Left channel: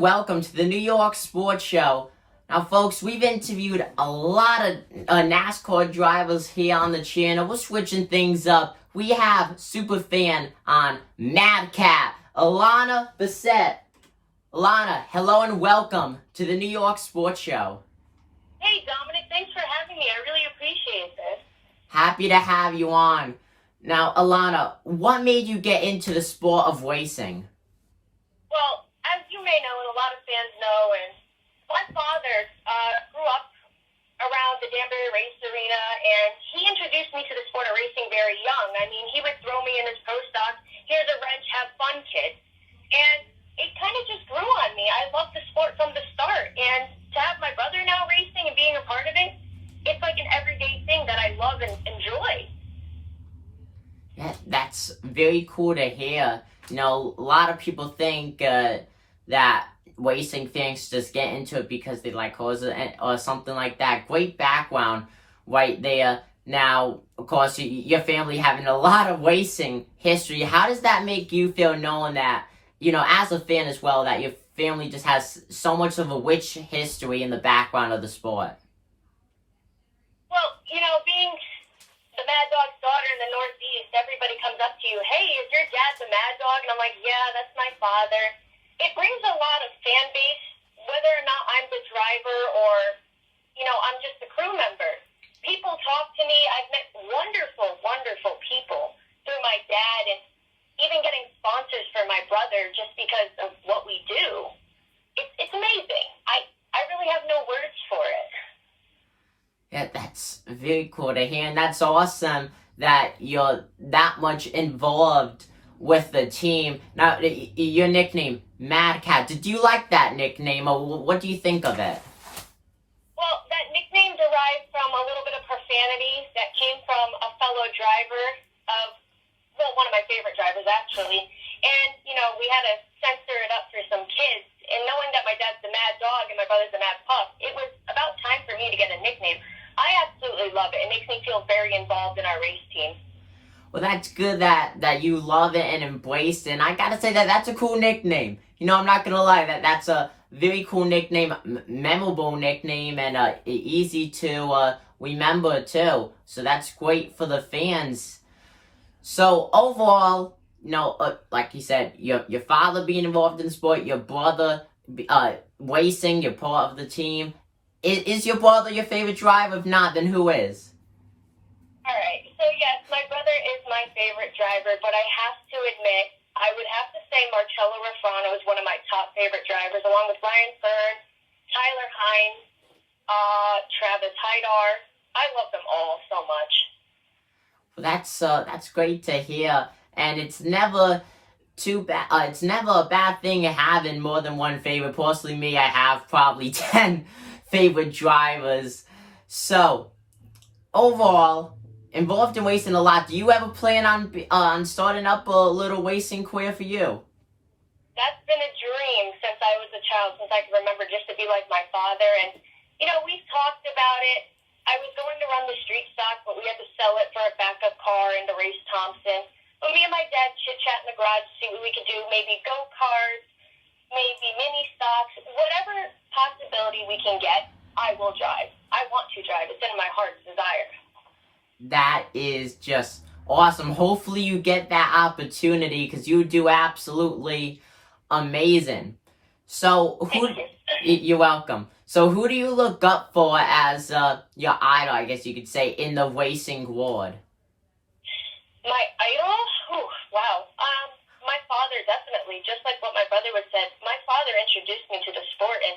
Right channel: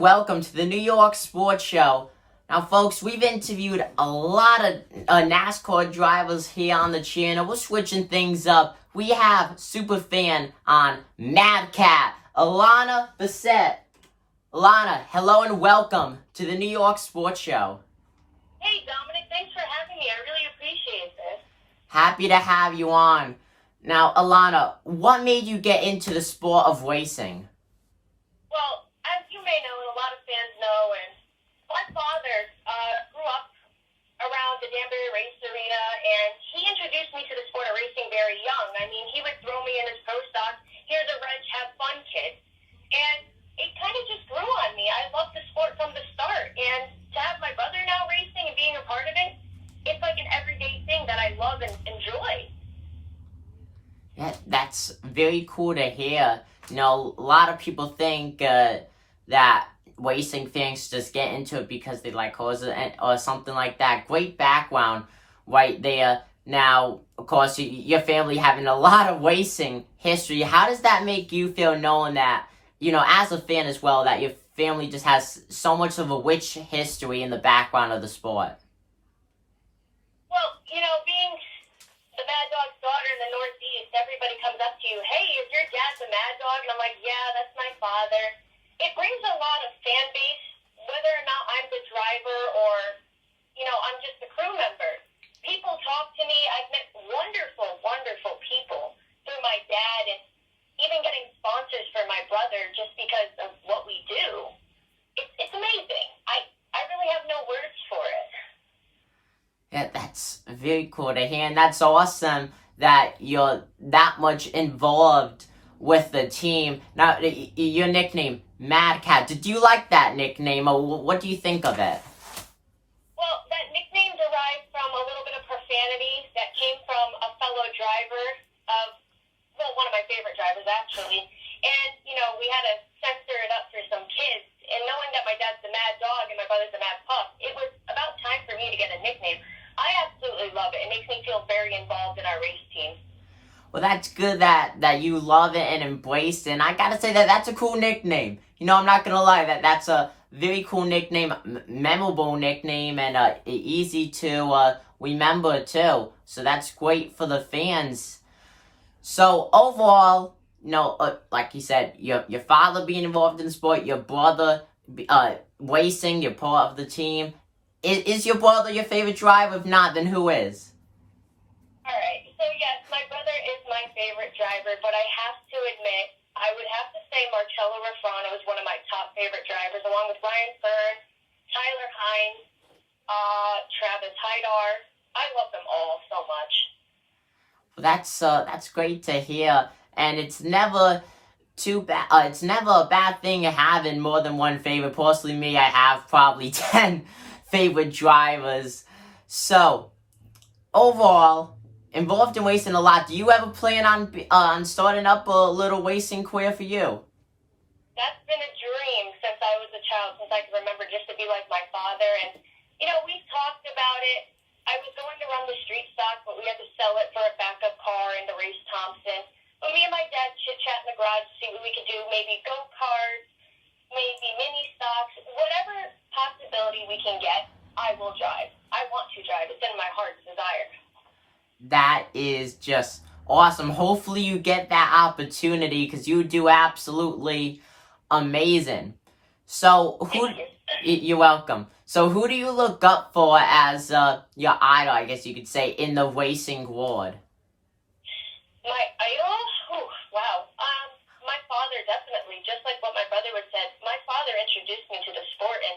welcome to the New York Sports Show. Now, folks, we've interviewed a lot of NASCAR drivers here on the channel. We're switching things up. We have superfan on Madcap, Alana Bessette. Alana, hello and welcome to the New York Sports Show. Hey, Dominic, thanks for having me. I really appreciate this. Happy to have you on. Now, Alana, what made you get into the sport of racing? Well, as you may know, and a lot of fans know, and my father grew up around the Danbury Race Arena, and he introduced me to the sport of racing very young. I mean, he would throw me in his pro stock, here's a wrench, have fun, kid. And it kind of just grew on me. I loved the sport from the start, and to have my brother now racing and being a part of it, it's like an everyday thing that I love and enjoy. Yeah, that's very cool to hear. You know, a lot of people think that racing fans just get into it because they like cars or something like that. Great background right there. Now, of course, your family having a lot of racing history. How does that make you feel knowing that, you know, as a fan as well, that your family just has so much of a rich history in the background of the sport? Well, you know, being the Mad Dog's daughter in the Northeast, everybody comes up to you, hey, is your dad the Mad Dog? And I'm like, yeah, that's my father. It brings a lot of fan base, whether or not I'm the driver or, you know, I'm just a crew member. People talk to me. I've met wonderful, wonderful people through my dad, and even getting sponsors for my brother just because of what we do. It's amazing. I really have no words for it. Yeah, that's very cool to hear, and that's awesome that you're that much involved with the team. Now, your nickname, Mad Cat, did you like that nickname, or what do you think of it? Well, that nickname derived from a little bit of profanity that came from a fellow driver of, well, one of my favorite drivers, actually. And, you know, we had to censor it up for some kids. And knowing that my dad's the Mad Dog and my brother's the Mad Pup, it was about time for me to get a nickname. I absolutely love it. It makes me feel very involved in our race team. Well, that's good that you love it and embrace it. And I gotta say that's a cool nickname. You know, I'm not gonna lie, that's a very cool nickname, memorable nickname, and easy to remember too. So that's great for the fans. So overall, you know, like you said, your father being involved in the sport, your brother racing, you're part of the team. Is your brother your favorite driver? If not, then who is? All right. So, yes, my brother is my favorite driver, but I have to admit, I would have to say Marcello Refrano is one of my top favorite drivers, along with Brian Byrne, Tyler Hines, Travis Hydar. I love them all so much. Well, that's great to hear, and it's never too bad. It's never a bad thing having more than one favorite. Personally, me, I have probably 10 favorite drivers. So, overall, involved in racing a lot. Do you ever plan on starting up a little racing career for you? That's been a dream since I was a child, since I can remember, just to be like my father. And, you know, we've talked about it. I was going to run the street stock, but we had to sell it for a backup car and to race Thompson. But me and my dad chit-chat in the garage to see what we could do, maybe go-karts, maybe mini stocks, whatever possibility we can get, I will drive. I want to drive. It's in my heart's desire. That is just awesome. Hopefully you get that opportunity, because you do absolutely amazing. So you're welcome. So who do you look up for as your idol, I guess you could say, in the racing world? My idol? Ooh, wow. My father, definitely. Just like what my brother would said, my father introduced me to the sport, and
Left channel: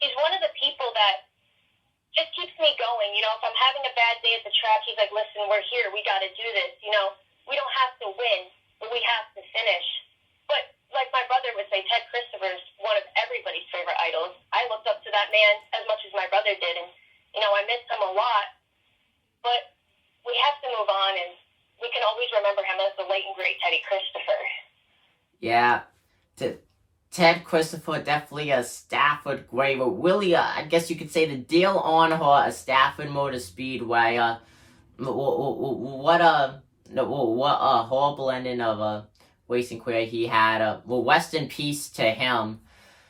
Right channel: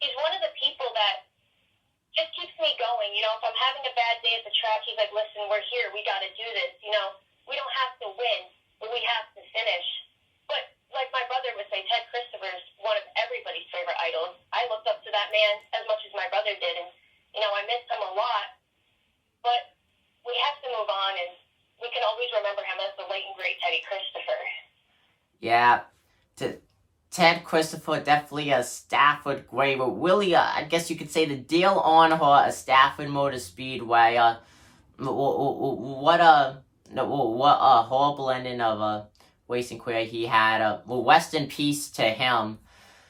he's one of the people that just keeps me going. You know, if I'm having a bad day at the track, he's like, listen, we're here. We got to do this. You know, we don't have to win, but we have to finish. But like my brother would say, Ted Christopher is one of everybody's favorite idols. I looked up to that man as much as my brother did, and, you know, I missed him a lot. But we have to move on, and we can always remember him as the late and great Teddy Christopher. Yeah, Ted Christopher, definitely a Stafford great, but really, I guess you could say the Dale Earnhardt, a Stafford Motor Speedway. What a horrible ending of a racing career he had. Well, rest in peace to him.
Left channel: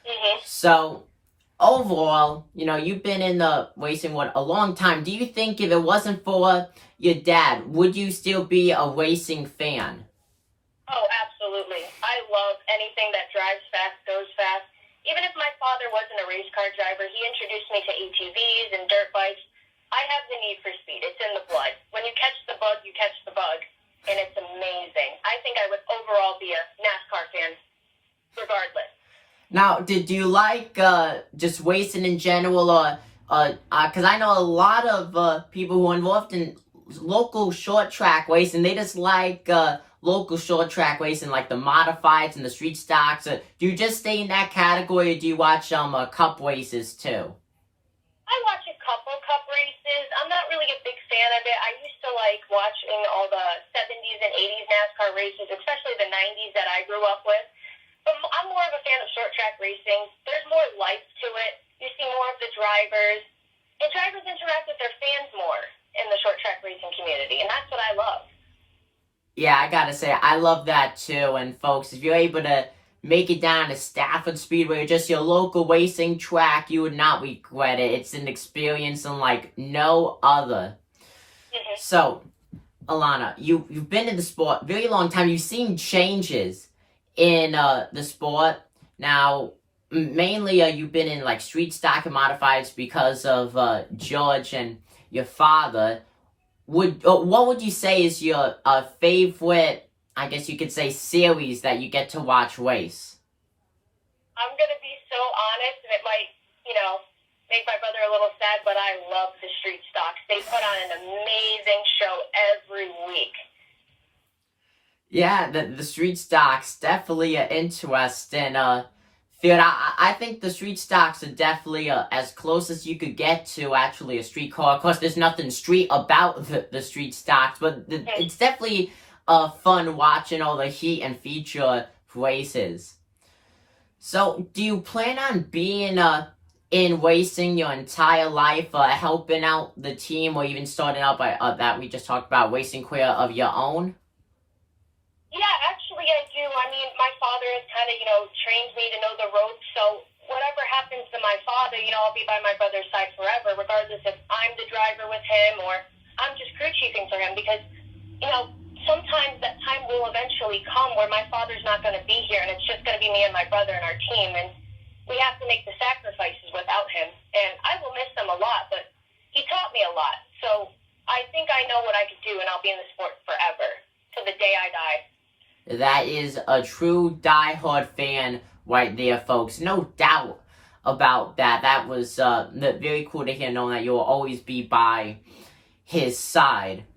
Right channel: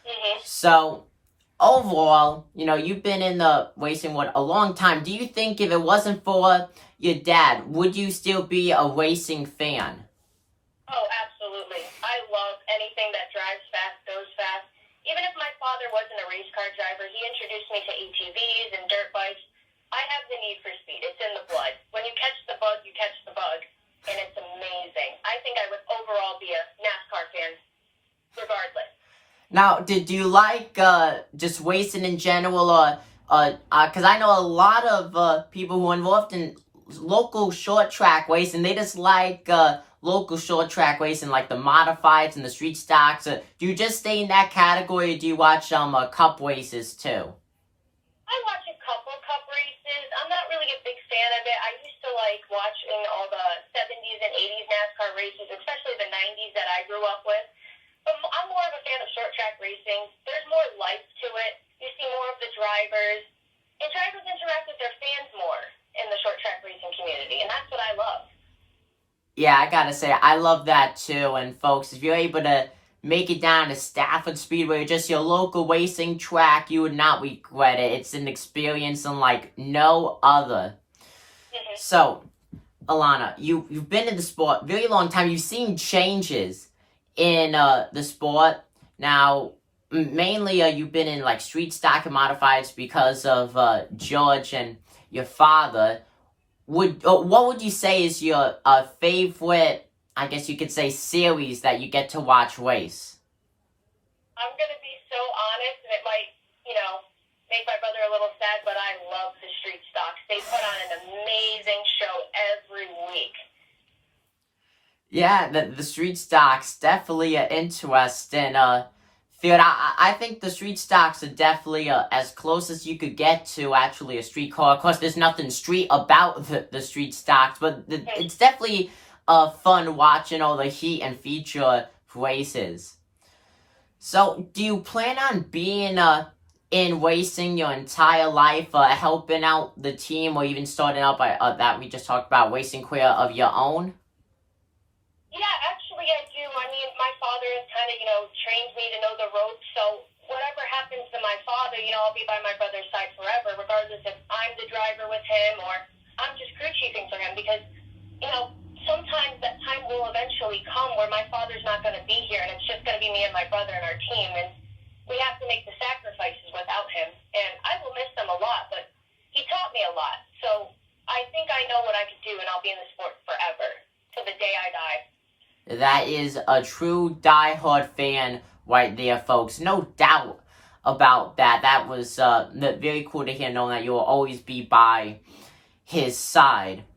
Mm-hmm. So, overall, you've been in the racing world a long time. Do you think if it wasn't for your dad, would you still be a racing fan? Oh, absolutely. I love anything that drives fast, goes fast. Even if my father wasn't a race car driver, he introduced me to ATVs and dirt bikes. I have the need for speed. It's in the blood. When you catch the bug, you catch the bug. And it's amazing. I think I would overall be a NASCAR fan, regardless. Now, did you like just racing in general, or because I know a lot of people who are involved in local short track racing, they just like local short track racing, like the modifieds and the street stocks. Do you just stay in that category, or do you watch cup races too? I watch a couple cup races. I'm not really a big fan of it. I used to like watching all the 70s and 80s NASCAR races, especially the 90s that I grew up with. But I'm more of a fan of short track racing. There's more life to it. You see more of the drivers. And drivers interact with their fans more in the short track racing community, and that's what I love. Yeah, I gotta say, I love that too. And folks, if you're able to make it down to Stafford Speedway or just your local racing track, you would not regret it. It's an experience unlike no other. Mm-hmm. So, Alana, you've been in the sport a very long time. You've seen changes in the sport. Now, mainly you've been in like street stock and modifieds because of George and your father. What would you say is your favorite, I guess you could say, series that you get to watch race? I'm going to be so honest, and it might, make my brother a little sad, but I love the street stocks. They put on an amazing show every week. Yeah, the street stocks definitely are interesting. Field, I think the street stocks are definitely as close as you could get to actually a street car. Of course, there's nothing street about the street stocks, but it's definitely fun watching all the heat and feature races. So, do you plan on being in racing your entire life, helping out the team, or even starting out by that we just talked about, racing career of your own? Yeah, actually I do. I mean, my father has kind of, trained me to know the ropes. So whatever happens to my father, I'll be by my brother's side forever, regardless if I'm the driver with him or I'm just crew chiefing for him. Because, sometimes that time will eventually come where my father's not going to be here, and it's just going to be me and my brother and our team. And we have to make the sacrifices without him. And I will miss them a lot, but he taught me a lot. So I think I know what I could do, and I'll be in the sport forever, to the day I die. That is a true diehard fan right there, folks. No doubt about that. That was very cool to hear, knowing that you will always be by his side.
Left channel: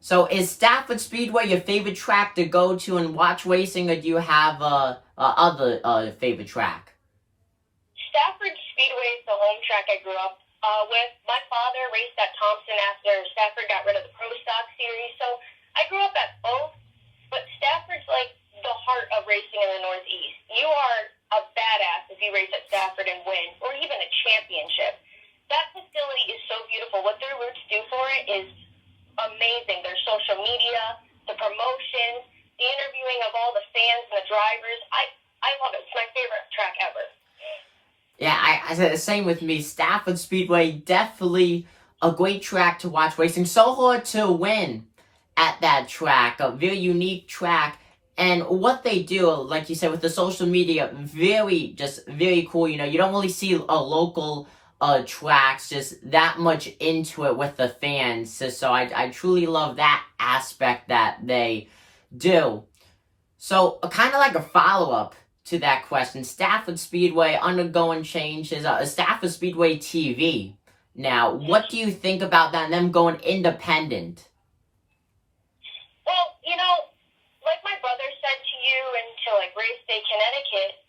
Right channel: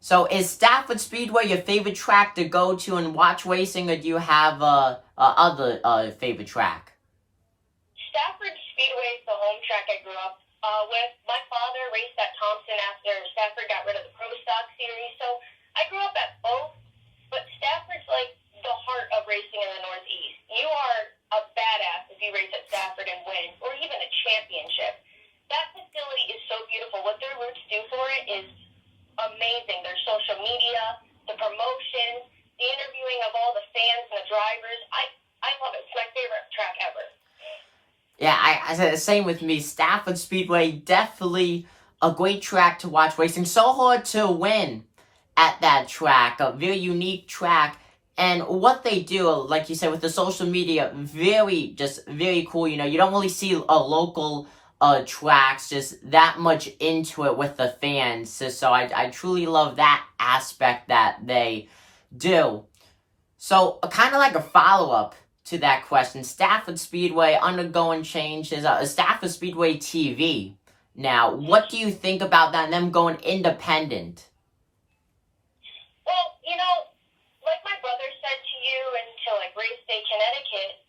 So, is Stafford Speedway your favorite track to go to and watch racing, or do you have other favorite track? Stafford Speedway is the home track I grew up with. My father raced at Thompson after Stafford got rid of the Pro Stock series, so I grew up at both. But Stafford's like the heart of racing in the Northeast. You are a badass if you race at Stafford and win, or even a championship. That facility is so beautiful. What their roots do for it is amazing. Their social media, the promotions, the interviewing of all the fans and the drivers. I love it. It's my favorite track ever. Yeah, I said the same with me. Stafford Speedway, definitely a great track to watch racing. So hard to win at that track, a very unique track. And what they do, like you said, with the social media, very cool. You don't really see local tracks just that much into it with the fans. So I truly love that aspect that they do. So kind of like a follow-up to that question, Stafford Speedway undergoing changes, Stafford Speedway TV. Now, what do you think about that and them going independent? Well, like my brother said to you and to Race Day, Connecticut,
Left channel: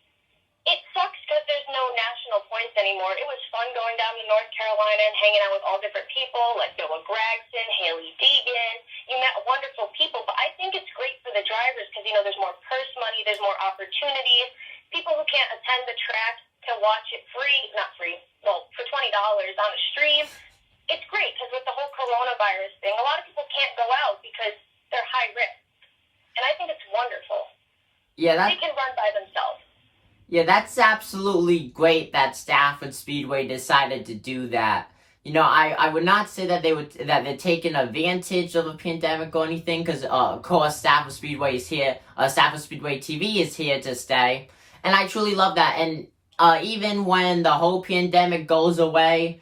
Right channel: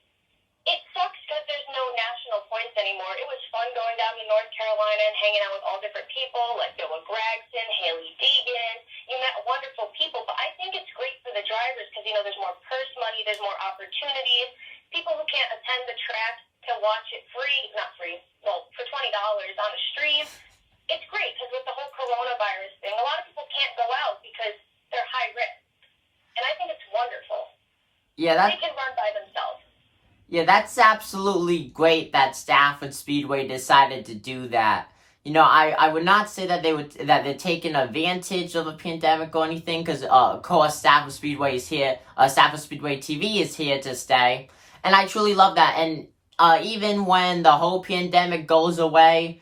it sucks because there's no national points anymore. It was fun going down to North Carolina and hanging out with all different people like Noah Gragson, Haley Deegan. You met wonderful people, but I think it's great for the drivers because, there's more purse money, there's more opportunities. People who can't attend the track can watch it for $20 on a stream. It's great because with the whole coronavirus thing, a lot of people can't go out because they're high risk. And I think it's wonderful. Yeah, they can run by themselves. Yeah, that's absolutely great that Stafford Speedway decided to do that. You know, I would not say that they're taking advantage of a pandemic or anything, because of course Stafford Speedway is here. Stafford Speedway TV is here to stay, and I truly love that. And even when the whole pandemic goes away,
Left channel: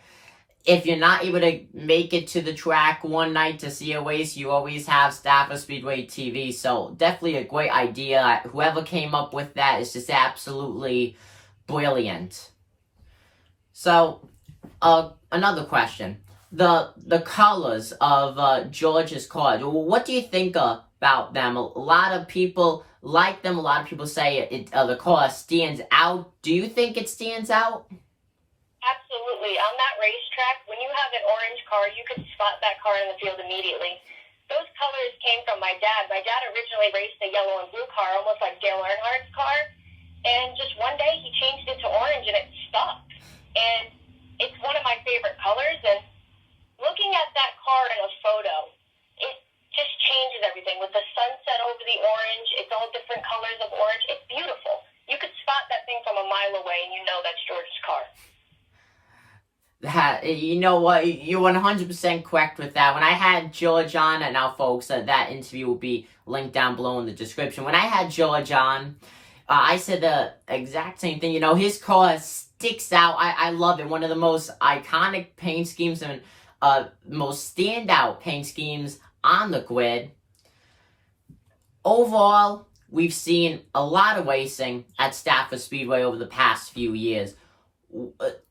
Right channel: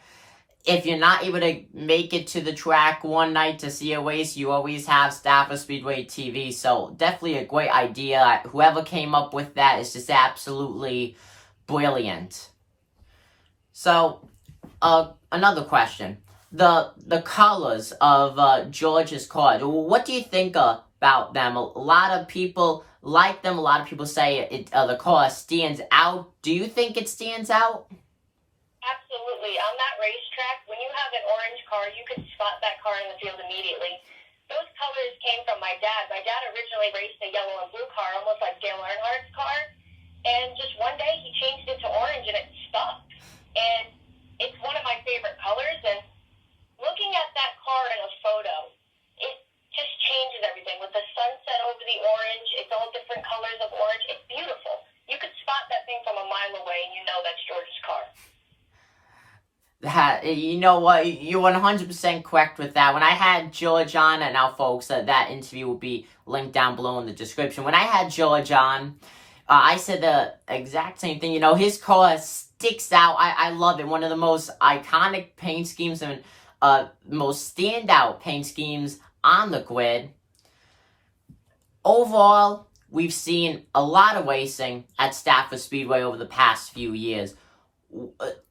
if you're not able to make it to the track one night to see a race, you always have Stafford Speedway TV. So definitely a great idea. Whoever came up with that is just absolutely brilliant. So, another question: the colors of George's cars. What do you think about them? A lot of people like them. A lot of people say the car stands out. Do you think it stands out? Absolutely. On that racetrack, when you have an orange car, you could spot that car in the field immediately. Those colors came from my dad. My dad originally raced a yellow and blue car, almost like Dale Earnhardt's car. And just one day, he changed it to orange, and it stopped. And it's one of my favorite colors. And looking at that car in a photo, it just changes everything. With the sunset over the orange, it's all different colors of orange. It's beautiful. You could spot that thing from a mile away, and you know that's George's car. You know what? You're 100% correct with that. When I had George on, and now, folks, that interview will be linked down below in the description. When I had George on, I said the exact same thing. You know, his car sticks out. I love it. One of the most iconic paint schemes and most standout paint schemes on the grid. Overall, we've seen a lot of racing at Stafford Speedway over the past few years.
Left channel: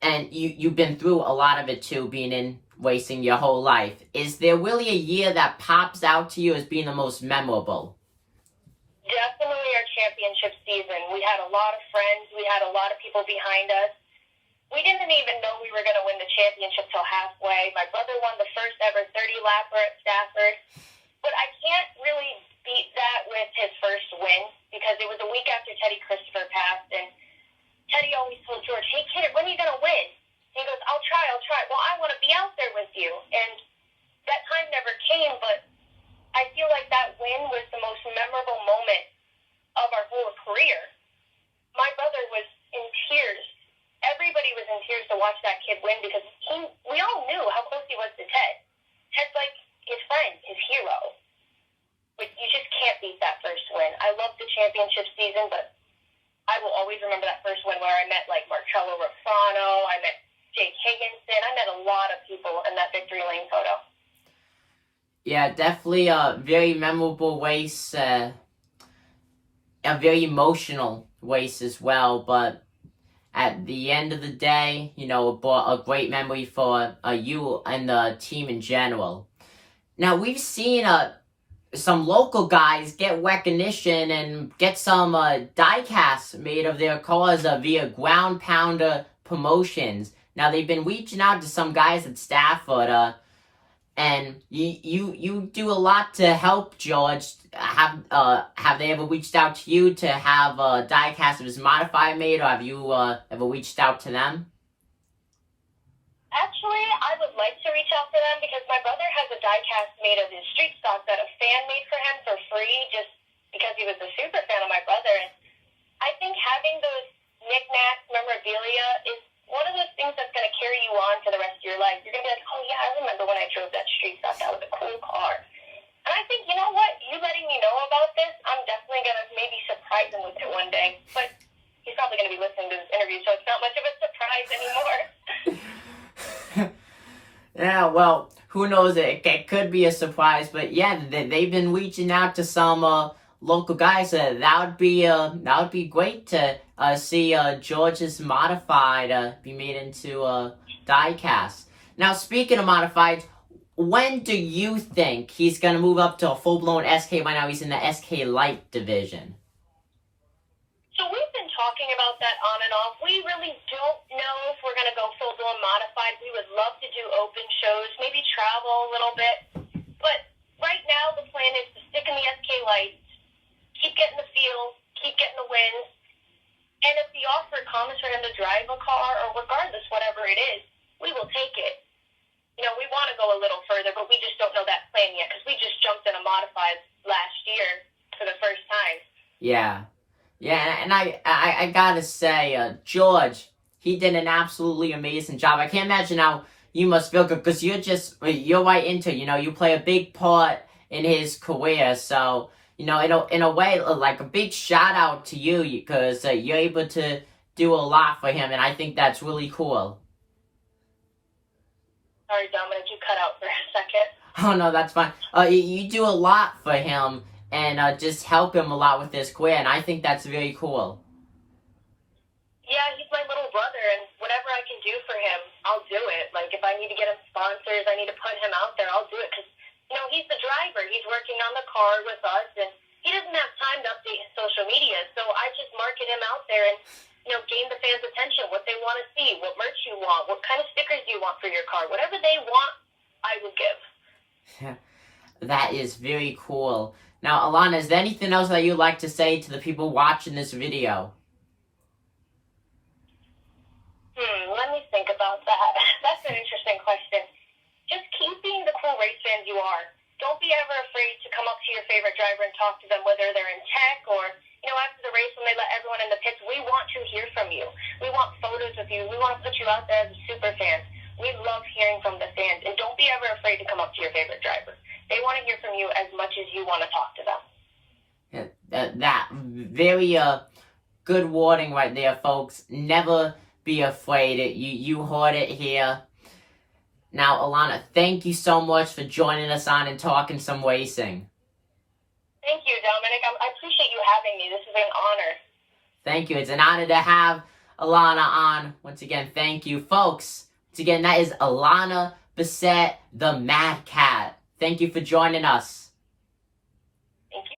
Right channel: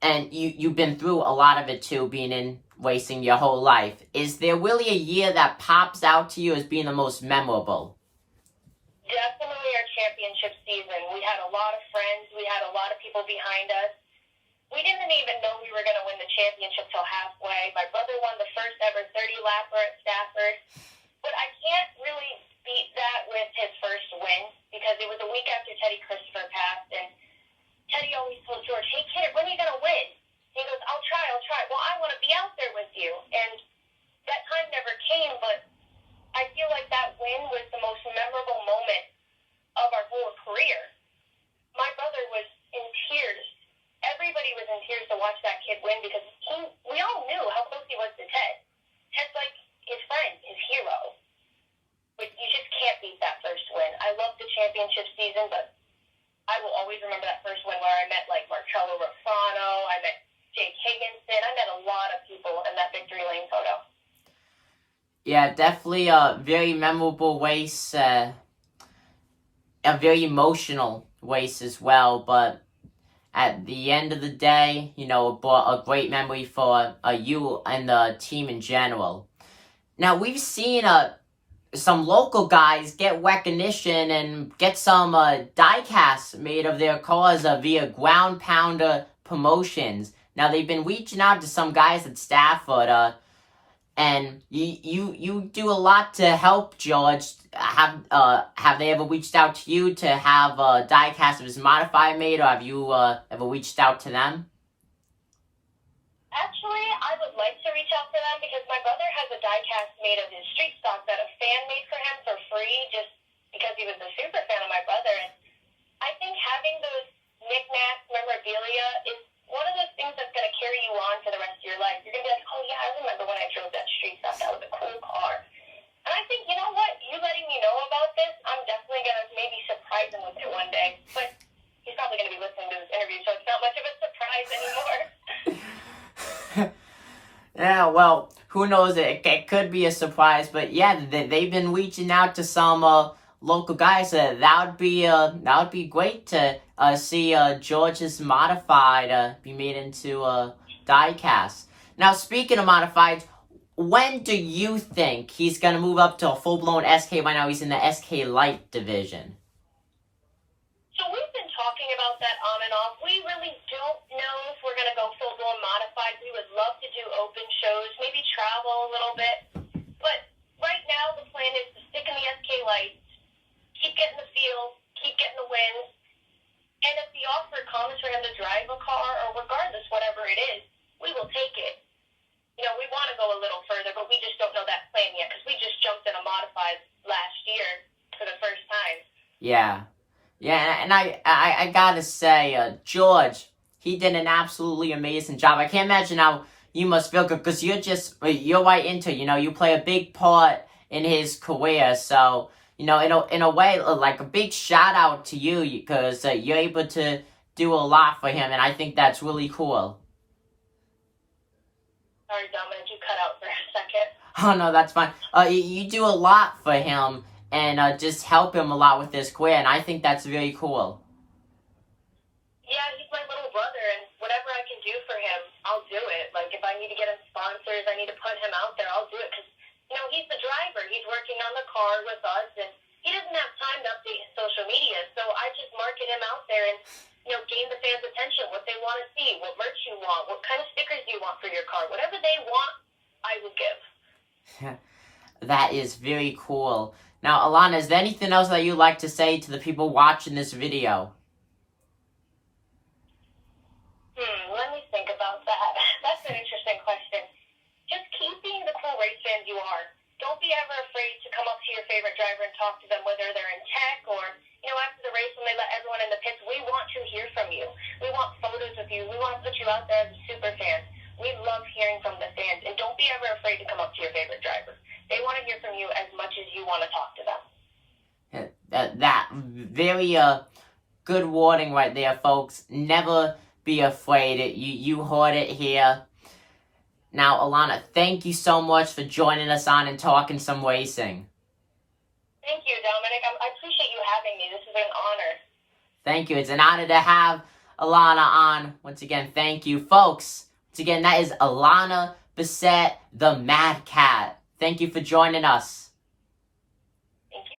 And you've been through a lot of it too, being in racing your whole life. Is there really a year that pops out to you as being the most memorable? Definitely our championship season. We had a lot of friends. We had a lot of people behind us. We didn't even know we were going to win the championship till halfway. My brother won the first ever 30-lapper at Stafford. But I can't really beat that with his first win, because it was a week after Teddy Christopher passed, and Teddy always told George, "Hey kid, when are you going to win?" He goes, I'll try. Well, I want to be out there with you. And that time never came, but I feel like that win was the most memorable moment of our whole career. My brother was in tears. Everybody was in tears to watch that kid win, because we all knew how close he was to Ted. Ted's like his friend, his hero. But you just can't beat that first win. I love the championship season, but I will always remember that first one where I met like Marcello Rafano, I met Jake Higginson, I met a lot of people in that victory lane photo. Yeah, definitely a very memorable race, a very emotional race as well, but at the end of the day, you know, it brought a great memory for you and the team in general. Now, we've seen some local guys get recognition and get some die-casts made of their cars via Groundpounder Promotions. Now, they've been reaching out to some guys at Stafford, and you do a lot to help George. Have they ever reached out to you to have a die-cast of his modified made, or have you ever reached out to them? Actually, I would like to reach out to them, because my brother has a die-cast made of his street stock that a fan made for him for free, just because he was a super fan of my brother. And I think having those knickknacks, memorabilia, is one of those things that's going to carry you on for the rest of your life. You're going to be like, oh yeah, I remember when I drove that street stock. That was a cool car. And I think, you know what? You letting me know about this, I'm definitely going to maybe surprise him with it one day. But he's probably going to be listening to this interview, so it's not much of a surprise anymore. Yeah, well, who knows? It could be a surprise, but yeah, they've been reaching out to some local guys. That would be great to see George's modified be made into a die-cast. Now, speaking of modifieds, when do you think he's gonna move up to a full-blown SK? Right now, he's in the SK Light division. So we've been talking about that on and off. We really don't know if we're going to go full-blown modified. We would love to do open shows, maybe travel a little bit. But right now the plan is to stick in the SK Lights, keep getting the feel, keep getting the wins. And if the offer comes for him to drive a car, or regardless, whatever it is, we will take it. You know, we want to go a little further, but we just don't know that plan yet, because we just jumped in a modified last year for the first time. Yeah. Yeah, and I gotta say, George, he did an absolutely amazing job. I can't imagine how you must feel, because you're right into, you play a big part in his career. So, in a way, like a big shout out to you, because you're able to do a lot for him, and I think that's really cool. Sorry, Dominic, you cut out for a second. Oh, no, that's fine. You do a lot for him, and just help him a lot with his career, and I think that's very cool. Yeah, he's my little brother, and whatever I can do for him, I'll do it. Like, if I need to get him sponsors, I need to put him out there, I'll do it, because, he's the driver. He's working on the car with us, and he doesn't have time to update his social media, so I just market him out there and, gain the fans' attention, what they want to see, what merch you want, what kind of stickers you want for your car. Whatever they want, I will give. That is very cool. Now, Alana, is there anything else that you'd like to say to the people watching this video? Let me think about that. That's an interesting question. Just keep being the cool race fan you are. Don't be ever afraid to come up to your favorite driver and talk to them, whether they're in tech or, after the race when they let everyone in the pits. We want to hear from you. We want photos of you. We want to put you out there as a super fan. We love hearing from the fans, and don't be ever afraid to come up to your favorite driver. They want to hear from you as much as you want to talk to them. That very good warning right there, folks. Never be afraid. You heard it here. Now, Alana, thank you so much for joining us on and talking some racing. Thank you, Dominic. I appreciate you having me. This has been an honor. Thank you. It's an honor to have Alana on. Once again, thank you, folks. Once again, that is Alana Bessette, the Mad Cat. Thank you for joining us.